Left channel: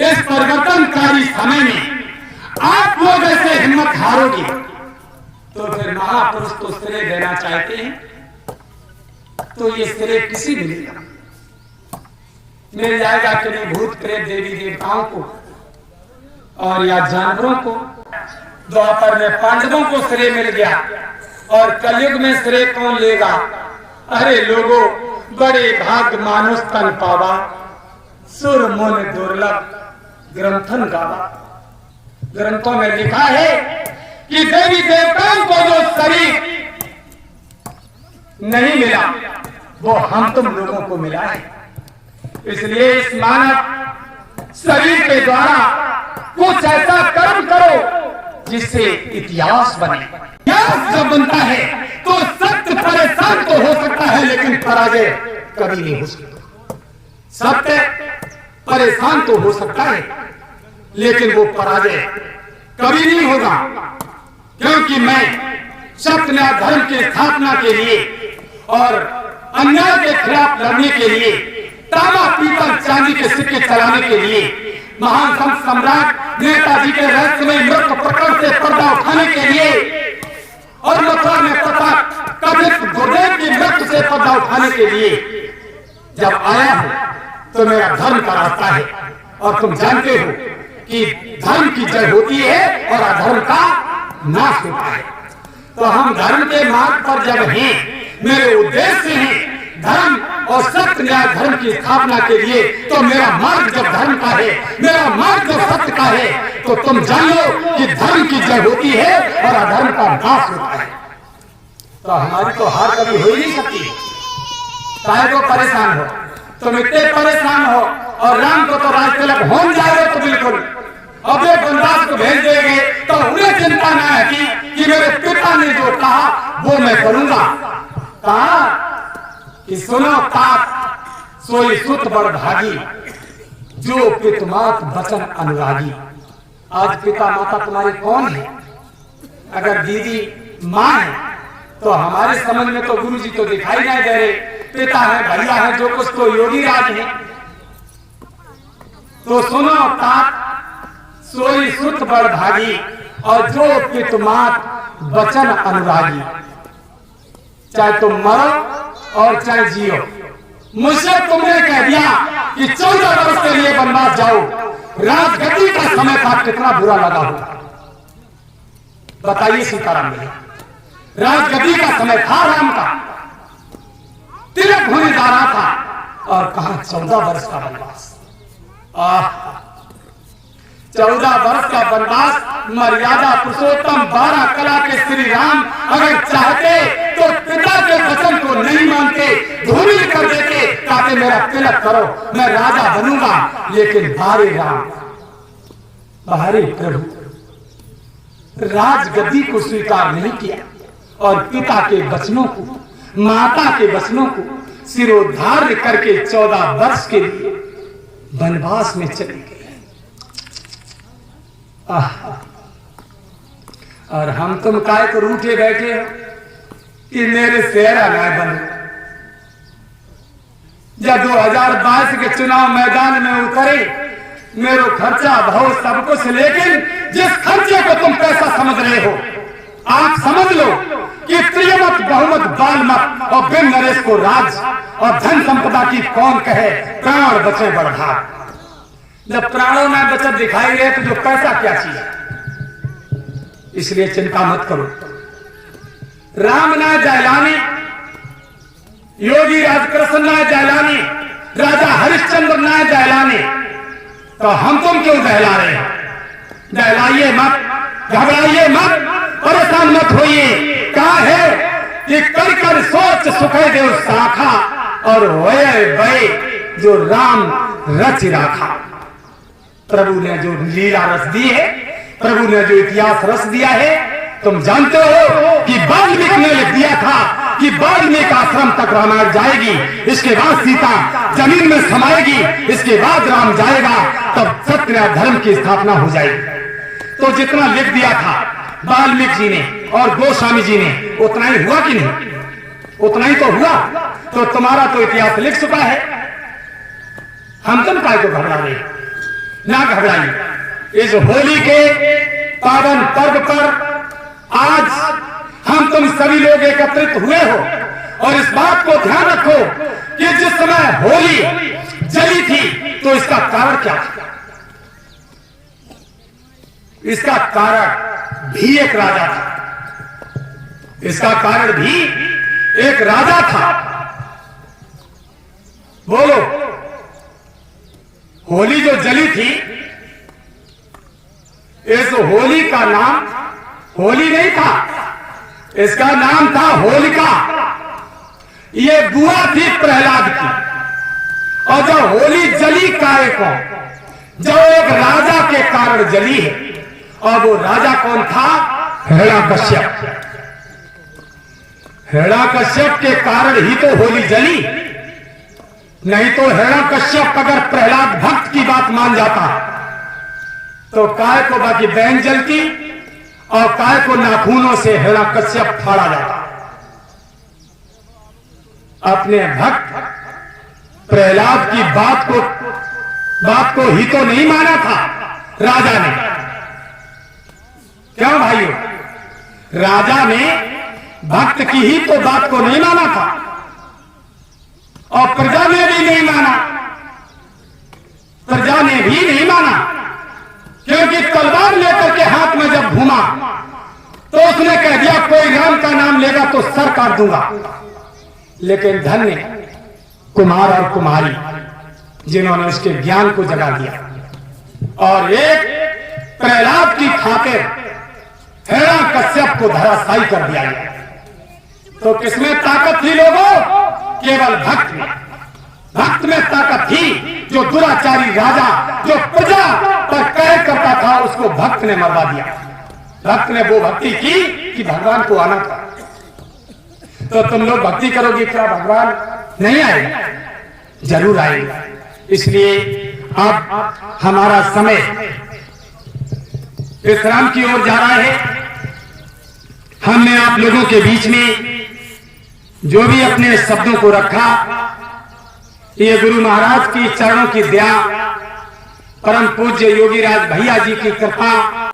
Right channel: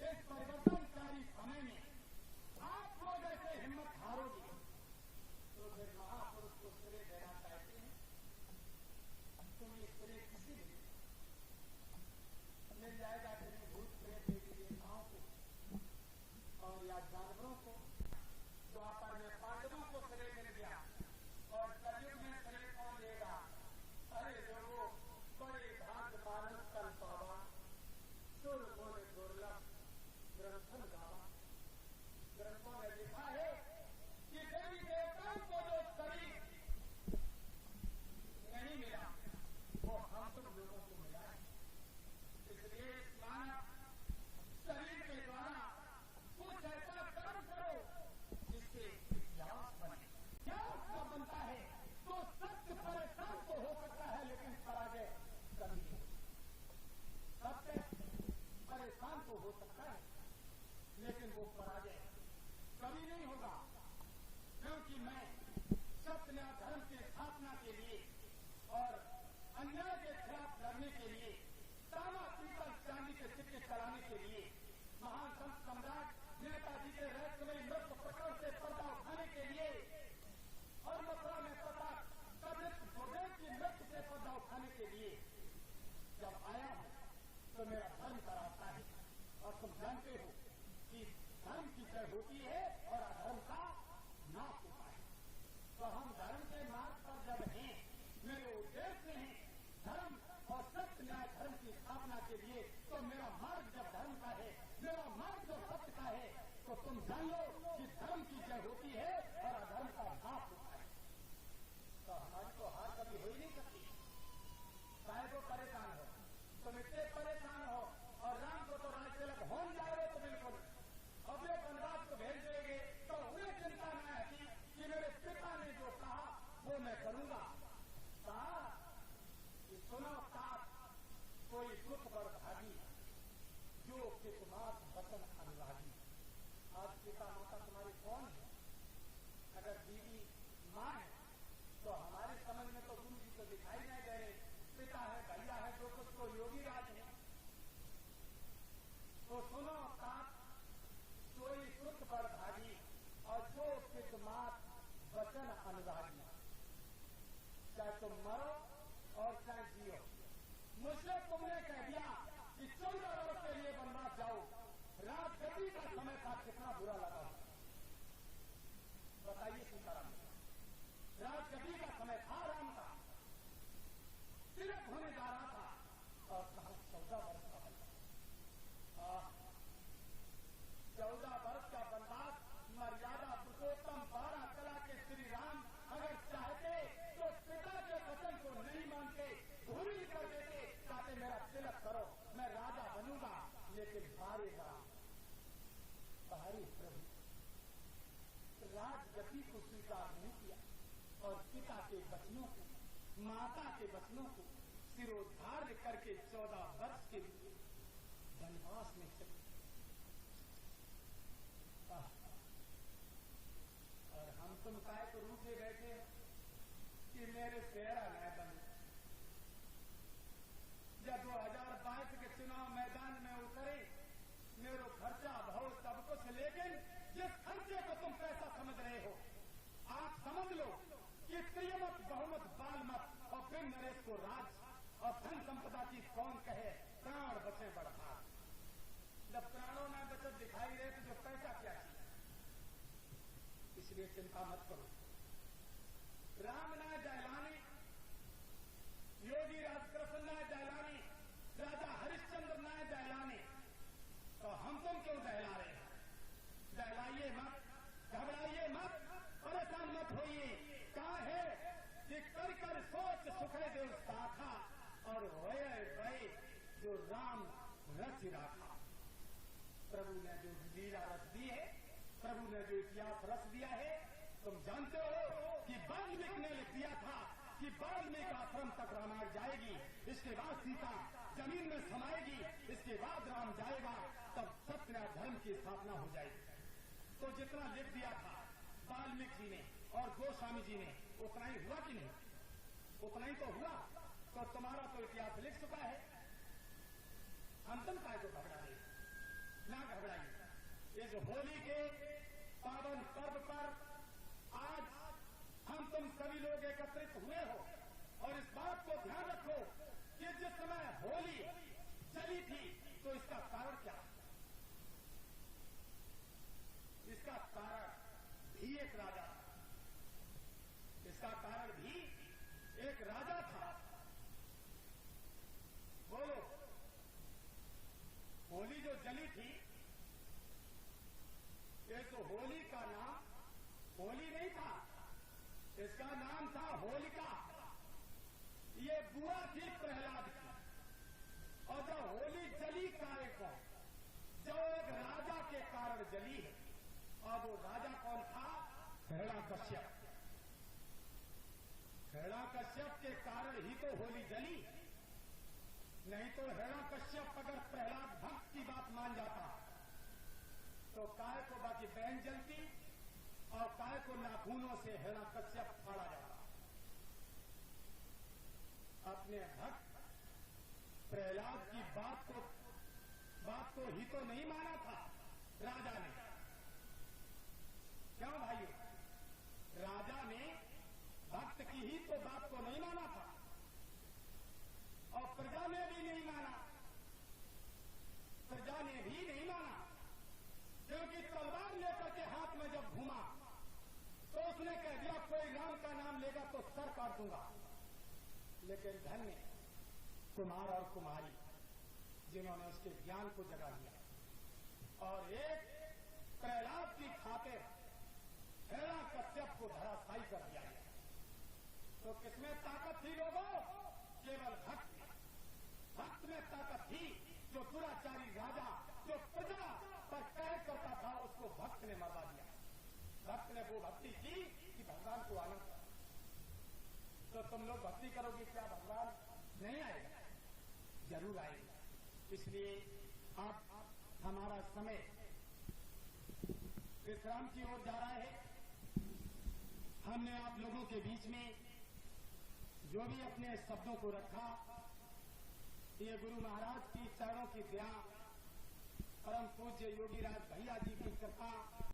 इस परिवर्तनकारी समय में आप लोग ऐसे हिम्मत हारोगे तो फिर महापुरुष तो श्रेय देना चाहते हैं, तो ये श्रेय किसी मिलेगा? मिल जाएगा कि नहीं भूत प्रेत देवी देवताओं को और या जानवरों को? द्वापर में पांडवों को श्रेय मिल गया और कलयुग में श्रेय कौन लेगा? अरे लोगों, बड़े भाग मानुष तन पावा, सुर मुन दुर्लभ ग्रंथन गावा। ग्रंथों में लिखा है कि देवी देवताओं को जो शरीर नहीं मिला वो हम तुम लोगों को मिला है। इसलिए इस मानव शरीर के द्वारा कुछ ऐसा कर्म करो जिससे इतिहास बने। इतिहास जब बनता है तो सत्य परेशान तो हो सकता है लेकिन पराजय कभी नहीं हो सकता। सत्य परेशान तो हो सकता है लेकिन वो पराजय कभी नहीं होगा, क्योंकि मैं सत्य न्याय धर्म की स्थापना के लिए और अन्याय के खिलाफ लड़ने के लिए, तांबा पीतल चांदी के सिक्के चलाने के लिए, महान संत सम्राट नेताजी के रहस्यमय मृत्यु प्रकरण से पर्दा उठाने के लिए और मथुरा में तथा कथित गुरुदेव की मृत्यु से पर्दा उठाने के लिए जब आया हूं तो मेरा धर्म का रास्ता है। और तुम जानते हो कि धर्म की जय होती है और अधर्म का नाश होता है। तो हम धर्म के मार्ग पर जब हैं, मेरे उद्देश्य हैं धर्म और सत्य न्याय धर्म की स्थापना के लिए, तो मेरा मार्ग जब धर्म का है, मेरा मार्ग जब सत्य का है, तो तुम जान लो कि धर्म की जय होती है और अधर्म का नाश होता है। तो हमारी तो हार कभी हो ही नहीं सकती। चाहे तो परेशान हो, तुम इतने परेशान हो और राम को तो राज तिलक हो जाएगा तो बिल्कुल, अब एक वनवास को भेज देंगे तो उन्हें चिंता ना है कि मेरे पिता ने जो कहा वो मैं करूंगा। कहा कि सुनो तात सोई सुत बड़ भागी, जो पितमात बचन अनुरागी। आज पिता माता तुम्हारे कौन है? अगर दीदी माँ है तो हमारे समझ में तो गुरु जी तो दिखाई नहीं दे रहे। पिता है, भैया है, जो कुछ तो योगी राज है। तो सुनो तात सोई सुत बड़ भागी और जो पितमात वचन अनुरागी। चाहे तुम मरो और चाहे जियो, मुझसे तुमने कह दिया कि 14 वर्ष के लिए वनवास जाओ, राजगद्दी का समय था, कितना बुरा लगा होगा बताइए सीताराम ने। राजगद्दी का समय था, राम का तिलक होने जा रहा था और कहा 14 वर्ष का वनवास। 14 वर्ष का वनवास, मर्यादा पुरुषोत्तम 12 कला के श्री राम अगर चाहते तो पिता के वचन को नहीं मानते, धूमिल कर देते, ताकि मेरा तिलक करो, मैं राजा बनूंगा। लेकिन बारे राम, बारे प्रभु राजगद्दी को स्वीकार नहीं किया और पिता के वचनों को, माता के वचनों को सिरोधार्य करके 14 वर्ष के लिए वनवास में चले गए। और हम तुम काय को रूठे बैठे हो कि मेरे सेहरा ना बने। जब 2022 के चुनाव मैदान में उतरे, मेरो खर्चा भाव सब कुछ, लेकिन जिस खर्चे को तुम पैसा समझ रहे हो, आप समझ लो कि त्रियमत बहुमत बालमत और बिन नरेश को राज और धन संपदा की कौन कहे, प्राण बचे बड़भाग। जब प्राणों में बचत दिखाई दे तो जो पैसा क्या चीज है। इसलिए चिंता मत करो। राम ना जयलानी, योगी राजकृष्ण ना जयलानी, राजा हरिश्चंद्र ना जयलानी, तो हम तुम क्यों दहला रहे हैं? दहलाइए मत, घबराइए मत, परेशान मत होइए। कहा है कि कर कर सोच सुखे देव शाखा और वये वये जो राम रच राखा। प्रभु ने जो लीला रस दी है, प्रभु ने जो इतिहास रस दिया है, तुम जानते हो कि वाल्मीकि ने लिख दिया था कि वाल्मीकि आश्रम तक रामायण जाएगी, इसके बाद सीता जमीन में समाएगी, इसके बाद राम जाएगा, तब सत्य धर्म की स्थापना हो जाएगी। तो जितना लिख दिया था वाल्मीकि जी ने और गोस्वामी जी ने, उतना ही हुआ कि नहीं? उतना ही तो हुआ। तो तुम्हारा तो इतिहास लिख चुका है, हम तुम काय को घबरा रहे? ना घबराइए। इस होली के पावन पर्व पर आज हम तुम सभी लोग एकत्रित हुए हो और इस बात को ध्यान रखो कि जिस समय होली जली थी तो इसका कारण क्या था? इसका कारण भी एक राजा था। इसका कारण भी एक राजा था। बोलो, होली जो जली थी, इस होली का नाम होली नहीं था, इसका नाम था होलिका। ये बुआ थी प्रहलाद की। और जब होली जली काय को, जब एक राजा के कारण जली है, और वो राजा कौन था? हिरण्यकश्यप। हिरण्यकश्यप के कारण ही तो होली जली, नहीं तो हिरण्यकश्यप अगर प्रहलाद भक्त की बात मान जाता तो काय को बाकी बहन जलती और काय को नाखूनों से हिरण्यकश्यप फाड़ा जाता। अपने भक्त प्रहलाद की बात को ही तो नहीं माना था राजा ने। क्यों भाइयों? राजा ने भक्त की ही तो बात को नहीं माना था और प्रजा ने भी नहीं माना। प्रजा ने भी नहीं माना क्योंकि तलवार लेकर के हाथ में जब घूमा तो उसने कह दिया कोई राम का नाम लेगा तो सर काट दूंगा। लेकिन धन्य कुमार और कुमारी जिन्होंने उसके ज्ञान को जगा दिया और एक प्रहलाद की खातिर हिरण्यकश्यप को धराशायी कर दिया गया। तो किसमें ताकत थी लोगों? केवल भक्त में। भक्त में ताकत थी। जो दुराचारी राजा जो प्रजा पर कहर करता था उसको भक्त ने मरवा दिया। भक्त ने वो भक्ति की कि भगवान को आना था। तो तुम लोग भक्ति करोगे क्या भगवान नहीं आएगा? जरूर आएगा। इसलिए अब हमारा समय विश्राम की ओर जा रहा है। हमने आप लोगों के बीच में जो भी अपने शब्दों को रखा, ये गुरु महाराज की चरणों की दया, परम पूज्य योगीराज भैया जी की कृपा